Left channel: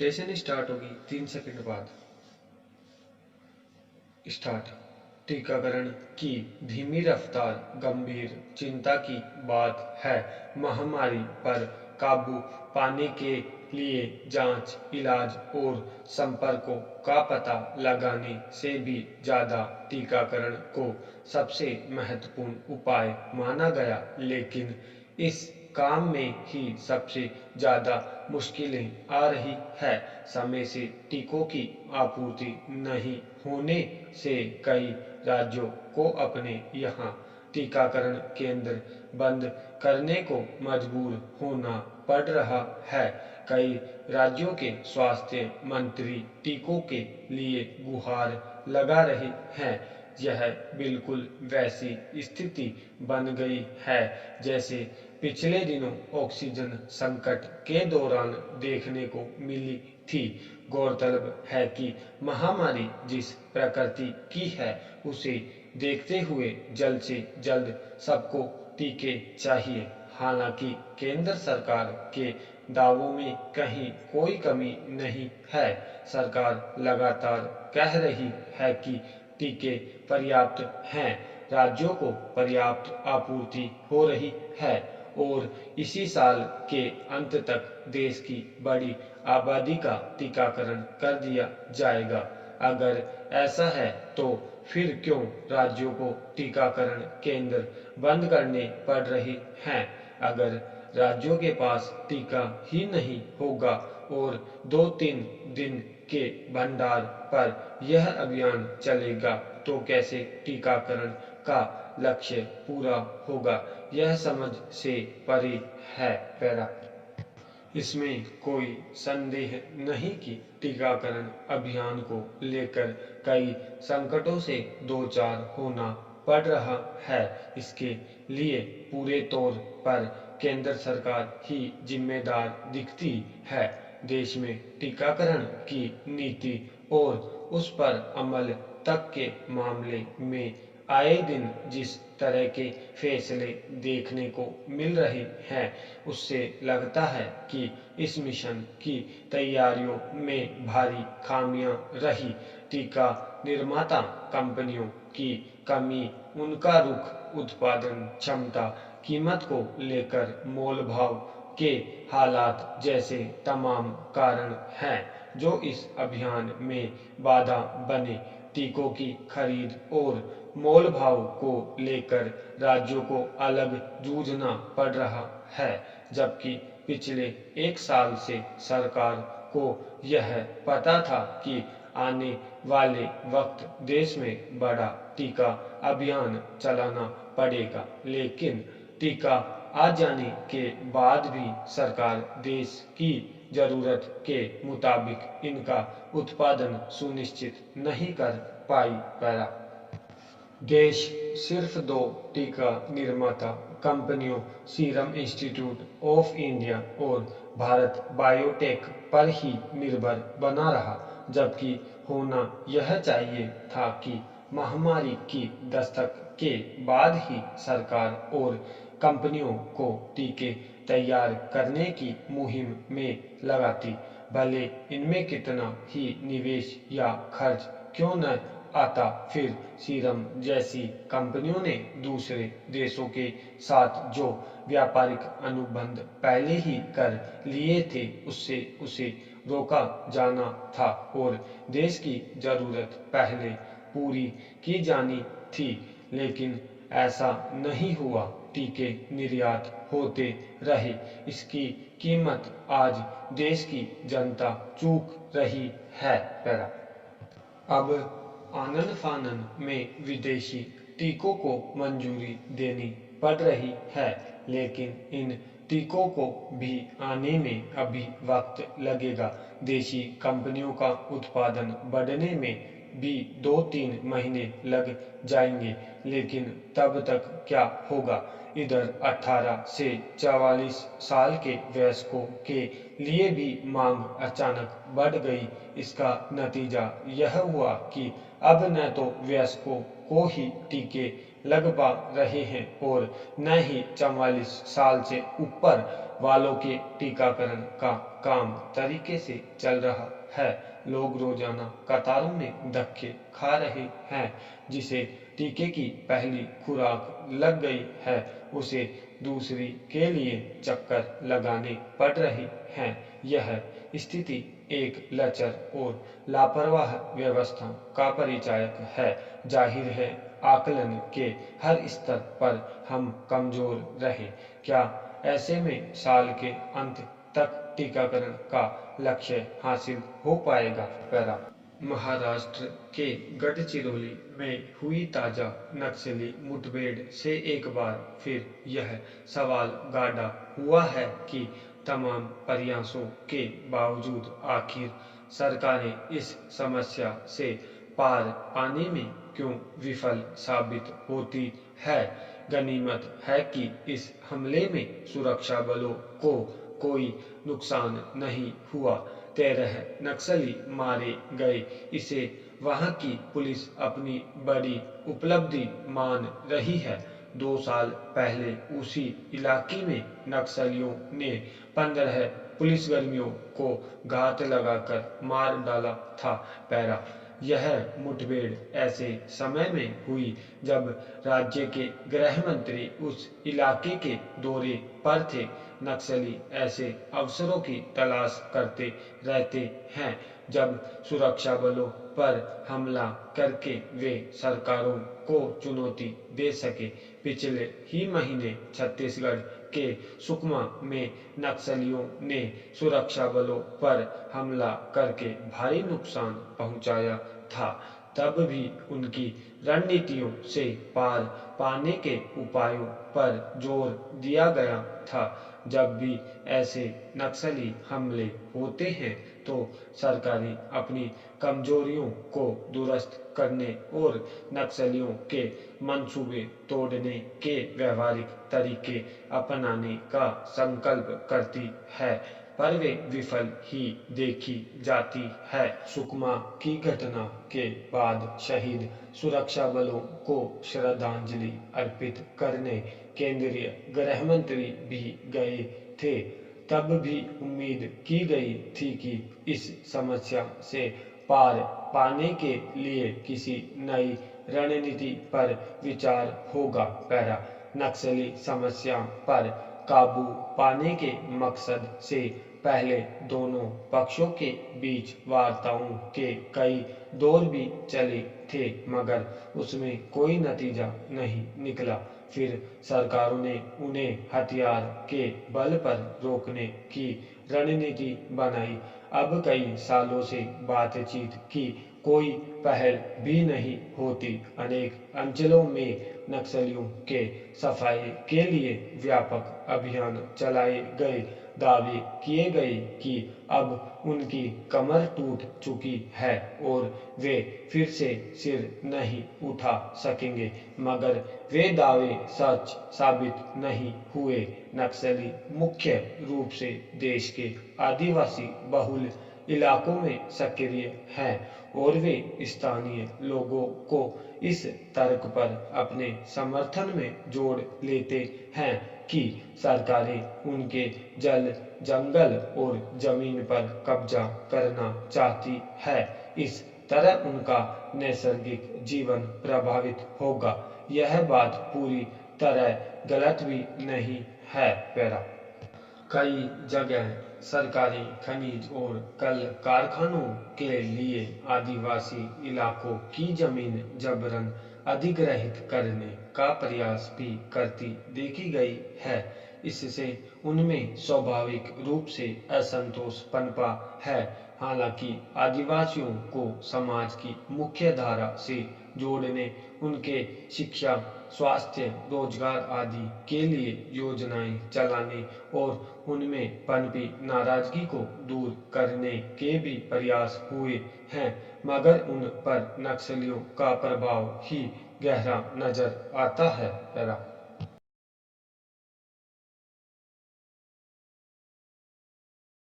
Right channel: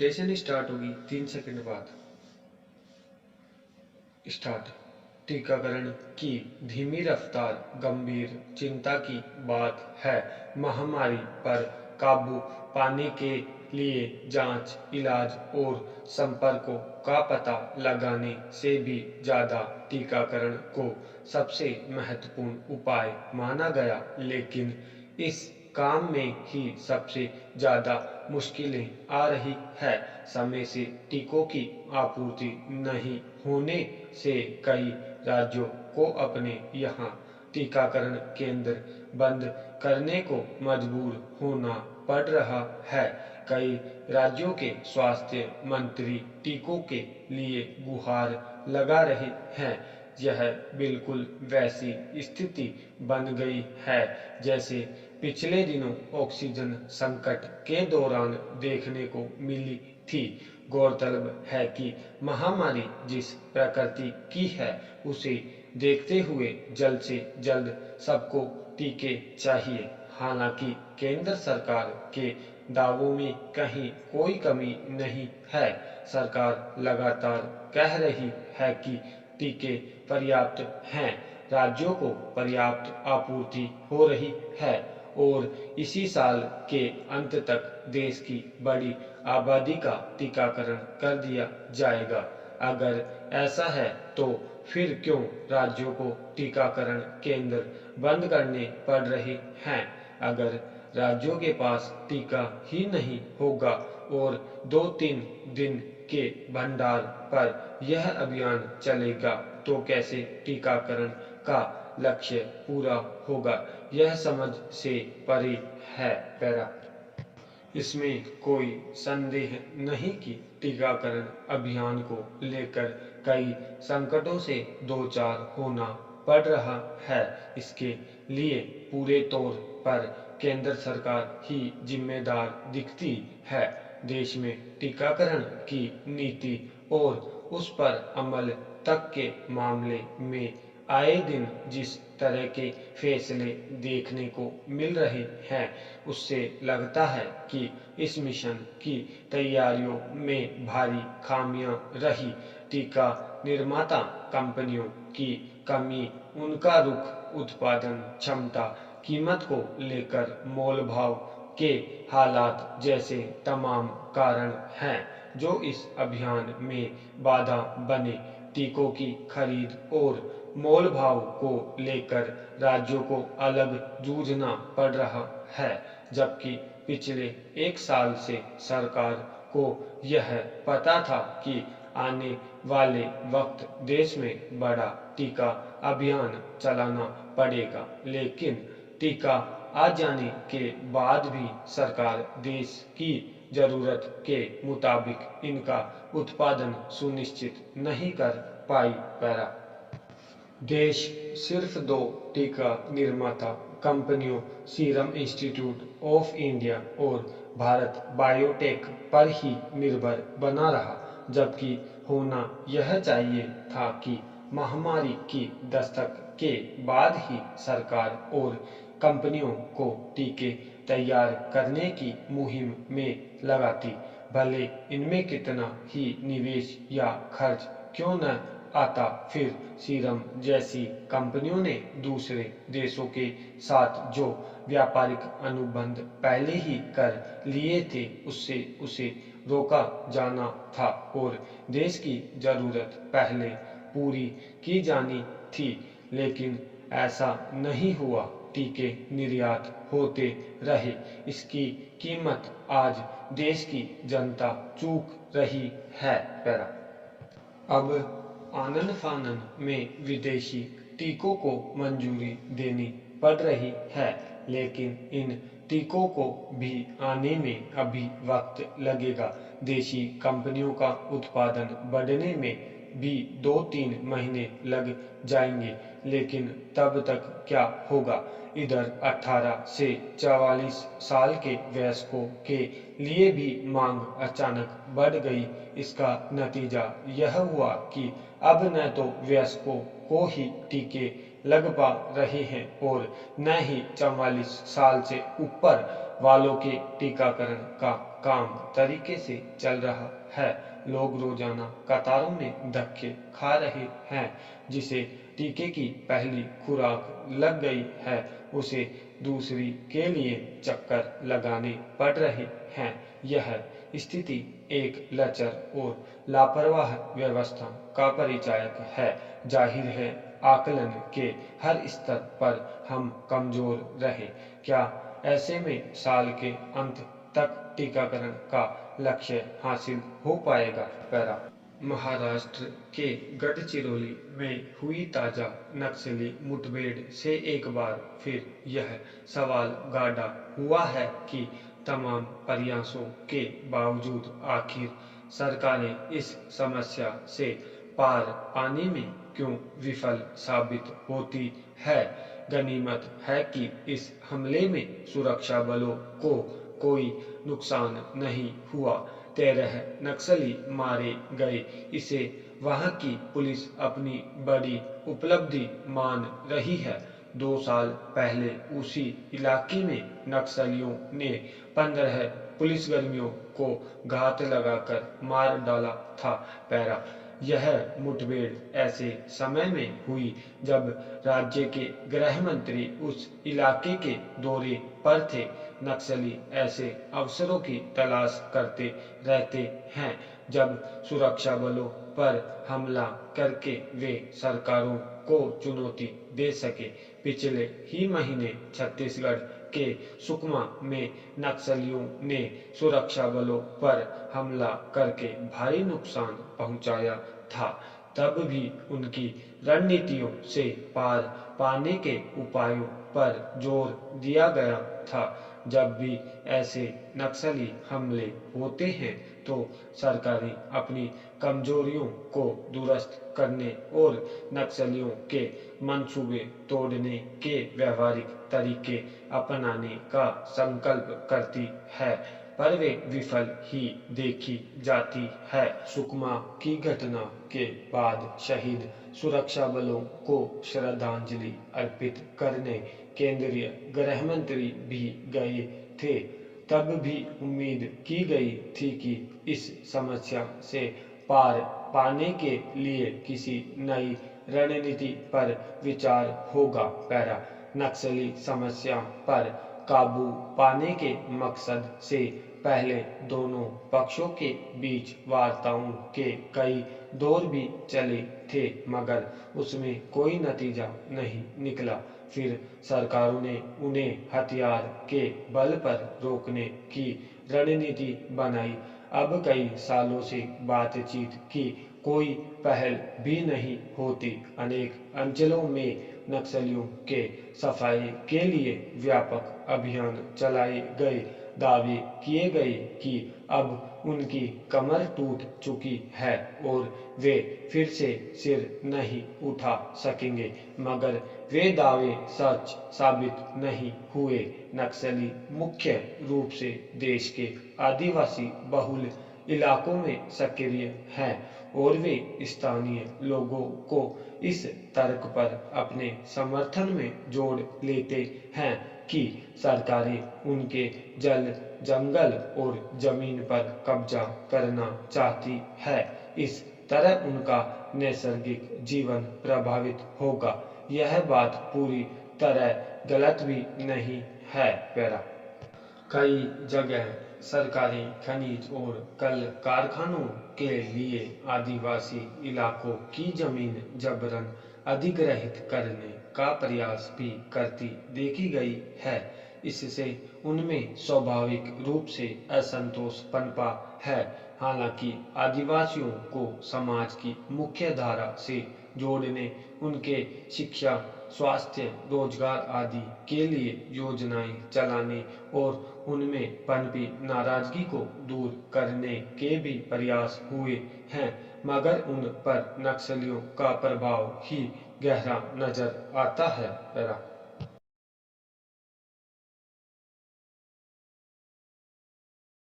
Mutation start होगी 3 second बाद। Start. टीकाकरण की धीमी रफ्तार गंभीर चिंता की बात है। महामारी पर काबू पाने के लिए जांच, इलाज और संपर्कों का पता लगाने से भी ज़्यादा टीकाकरण को सबसे महत्वपूर्ण उपाय माना गया, लेकिन इस काम में ही सबसे ज़्यादा मुश्किलें आ रही है। समय से टीकों की आपूर्ति नहीं होने से कई राज्यों को अपने यहाँ टीकाकरण केंद्र बंद करने को मजबूर होना पड़ रहा है। कई राज्यों के स्वास्थ्य मंत्री टीकों के लिए गुहार लगा रहे हैं। यह बिल्कुल वैसी स्थिति बन गई है जैसे पिछले दिनों ऑक्सीजन संकट के दौरान देखने को मिली थी। गौरतलब है कि महामारी जिस प्रकृति की है, उसे देखते हुए जल्द से जल्द सबको टीके चाहिए। हालांकि केंद्र सरकार के दावों में कहीं कोई कमी नहीं है। सरकार लगातार कह रही है कि टीके पर्याप्त हैं, राज्यों को पर्याप्त आपूर्ति हो रही है और इसी साल के अंत तक देश की बड़ी आबादी का टीकाकरण कर दिया जाएगा। अगर ऐसा है तो फिर क्यों राज्यों को टीकाकरण केंद्र बंद करने पड़ रहे हैं? अगर राज्यों के पास टीका ही नहीं होगा और 2-3 दिन के भंडार पर यह अभियान चलेगा तो कैसे टीकाकरण का लक्ष्य पूरा होगा, यह समझ से परे है। पैरा। इसमें कोई संदेह नहीं कि टीकाकरण अभियान को लेकर कई संकटों से दो चार होना पड़ रहा है। इसके लिए पूरे तौर पर केंद्र सरकार ही जिम्मेदार दिखती है। देश में टीकाकरण की नीति और उस पर अमल तक के मामले में आए दिन जिस तरह के फैसले देखने को मिल रहे हैं, उससे लगता है कि इस मिशन की तैयारियों में भारी खामियां रही। टीका निर्माता कंपनियों की कमी, उनका रुख, उत्पादन क्षमता, कीमत को लेकर मोल भाव के हालात जैसे तमाम कारण हैं जो इस अभियान में बाधा बने। टीकों की खरीद और मोल भाव को लेकर राज्यों को अलग जूझना पड़ रहा है, जबकि पिछले 1 साल से सरकार को यह पता था कि आने वाले वक्त देश में बड़ा टीका अभियान चलाना पड़ेगा, लेकिन टीका आ जाने के बाद भी सरकार देश की जरूरत के मुताबिक इनका उत्पादन सुनिश्चित नहीं कर पाई। पैरा। देश सिर्फ 2 टीका निर्माता कंपनियों सीरम इंस्टीट्यूट ऑफ इंडिया और भारत बायोटेक पर ही निर्भर बना रहा, जबकि होना यह चाहिए था कि महामारी की दस्तक के बाद ही सरकार और कंपनियों को टीके तैयार करने की मुहिम में लगाती, भले इनमें कितना ही निवेश या खर्च क्यों न आता। फिर सीरम जैसी कंपनियों ने दूसरे देशों के साथ जो व्यापारिक अनुबंध पहले ही कर लिए थे, उससे उसे रोका जाना था और देश की जरूरत पहले पूरी की जानी थी, लेकिन ऐसा नहीं हुआ। टीके निर्यात होते रहे, इसकी कीमत आज देश की जनता चूक रही है। पैरा। अब आनन फानन में विदेशी टीकों को मंजूरी देनी पड़ रही है, लेकिन इन टीकों को भी आने में अभी वक्त लगेगा। देशी कंपनियों का उत्पादन बढ़ने में भी 2-3 महीने लग जाएंगे, लेकिन तब तक क्या होगा? इधर 18 से 44 साल के वयस्कों के लिए भी मांग अचानक बढ़ गई। इसका नतीजा यह हुआ कि अब न तो वयस्कों को ही टीके लग पा रहे हैं और न ही 44 साल से ऊपर वालों के टीकाकरण का काम तरीके से चल रहा है। लोग रोजाना कतारों में धक्के खा रहे हैं। जिसे टीके की पहली खुराक लग गई है उसे दूसरी के लिए चक्कर लगाने पड़ रहे हैं। यह स्थिति एक लचर और लापरवाह व्यवस्था का परिचायक है। जाहिर है आकलन के हर स्तर पर हम कमजोर रहे। क्या ऐसे में साल के अंत तक टीकाकरण का लक्ष्य हासिल हो पाएगा? पैरा महाराष्ट्र के गढ़चिरौली में हुई ताजा नक्सली मुठभेड़ से एक बार फिर यह सवाल गाड़ा हुआ है कि तमाम प्रयासों के बावजूद आखिर सरकारें इस समस्या से पार पाने में क्यों विफल साबित होती है। गनीमत है कि इस हमले में सुरक्षा बलों को कोई नुकसान नहीं हुआ। 13 नक्सली मारे गए। इसे वहां की पुलिस अपनी बड़ी उपलब्धि मान रही है। 2 साल पहले उसी इलाके में नक्सलियों ने 15 पुलिसकर्मियों को घात लगाकर मार डाला था। पैरा यह मुठभेड़ ऐसे समय में हुई जब राज्य के गृह मंत्री उस इलाके के दौरे पर थे। नक्सली ऐसे अवसरों की तलाश करते रहते हैं जब सुरक्षा बलों पर हमला करके वे सरकारों को चुनौती दे सके। पिछले ही महीने छत्तीसगढ़ के सुकमा में नक्सलियों ने सुरक्षा बलों पर हमला करके भारी नुकसान पहुंचाया था। तब भी उनकी रणनीतियों से पार पाने के उपायों पर जोर दिया गया था। जब भी ऐसे नक्सली हमले होते हैं तो सरकारें अपनी कमजोरियों को दुरुस्त करने और नक्सलियों के मंसूबे तोड़ने के व्यवहारिक तरीके अपनाने का संकल्प करती है, पर वे विफल ही देखी जाती है। सुकमा की घटना के बाद शहीद सुरक्षा बलों को श्रद्धांजलि अर्पित करने केंद्रीय गृह मंत्री भी गए थे। तब भी उम्मीद की गई थी कि इस समस्या से पार पाने के लिए किसी नई रणनीति पर विचार होगा। पैरा नक्सली समस्या पर काबू पाने के मकसद से पहले दोनों पक्षों के बीच वार्ताओं के कई दौर भी चले थे, मगर उसमें कोई नतीजा नहीं निकला। फिर सरकारों ने उन्हें हथियार के बल पर रोकने की रणनीति बनाई। अब कई सालों से बातचीत की कोई पहल भी नहीं होती। अनेक अंचलों में नक्सलियों के सफाये के लिए व्यापक अभियान चलाए गए। दावे किए गए कि अब उनकी कमर टूट चुकी है और वे फिर से सिर नहीं उठा सकेंगे, मगर वे दावे सच साबित नहीं हुए। नक्सली मुख्य रूप से देश के आदिवासी बहुल इलाकों में सक्रिय हैं और वे स्थानीय लोगों को इस तर्क पर अपने समर्थन में जोड़ लेते हैं कि सरकारें उनके जल, जंगल और जमीन पर कब्जा करना चाहती है। इस तरह उनका नैसर्गिक जीवन प्रभावित होगा। यह बात पूरी तरह गलत भी नहीं है। पैरा कई जगह सरकारी खनिज और कल कारखानों के लिए आदिवासी इलाकों की जमीन जबरन अधिग्रहित करने का प्रयास भी करती देखी गई है। इससे उनमें स्वाभाविक रूप से असंतोष पनपा है। हालांकि आदिवासियों को समाज की मुख्य धारा से जोड़ने, उनके शिक्षा, स्वास्थ्य, रोजगार आदि के लिए योजनाएं चलाने और उनमें पनपी नाराजगी को दूर करने के भी प्रयास हुए हैं, मगर उन पर नक्सलियों का प्रभाव ही गहरा नजर आता है।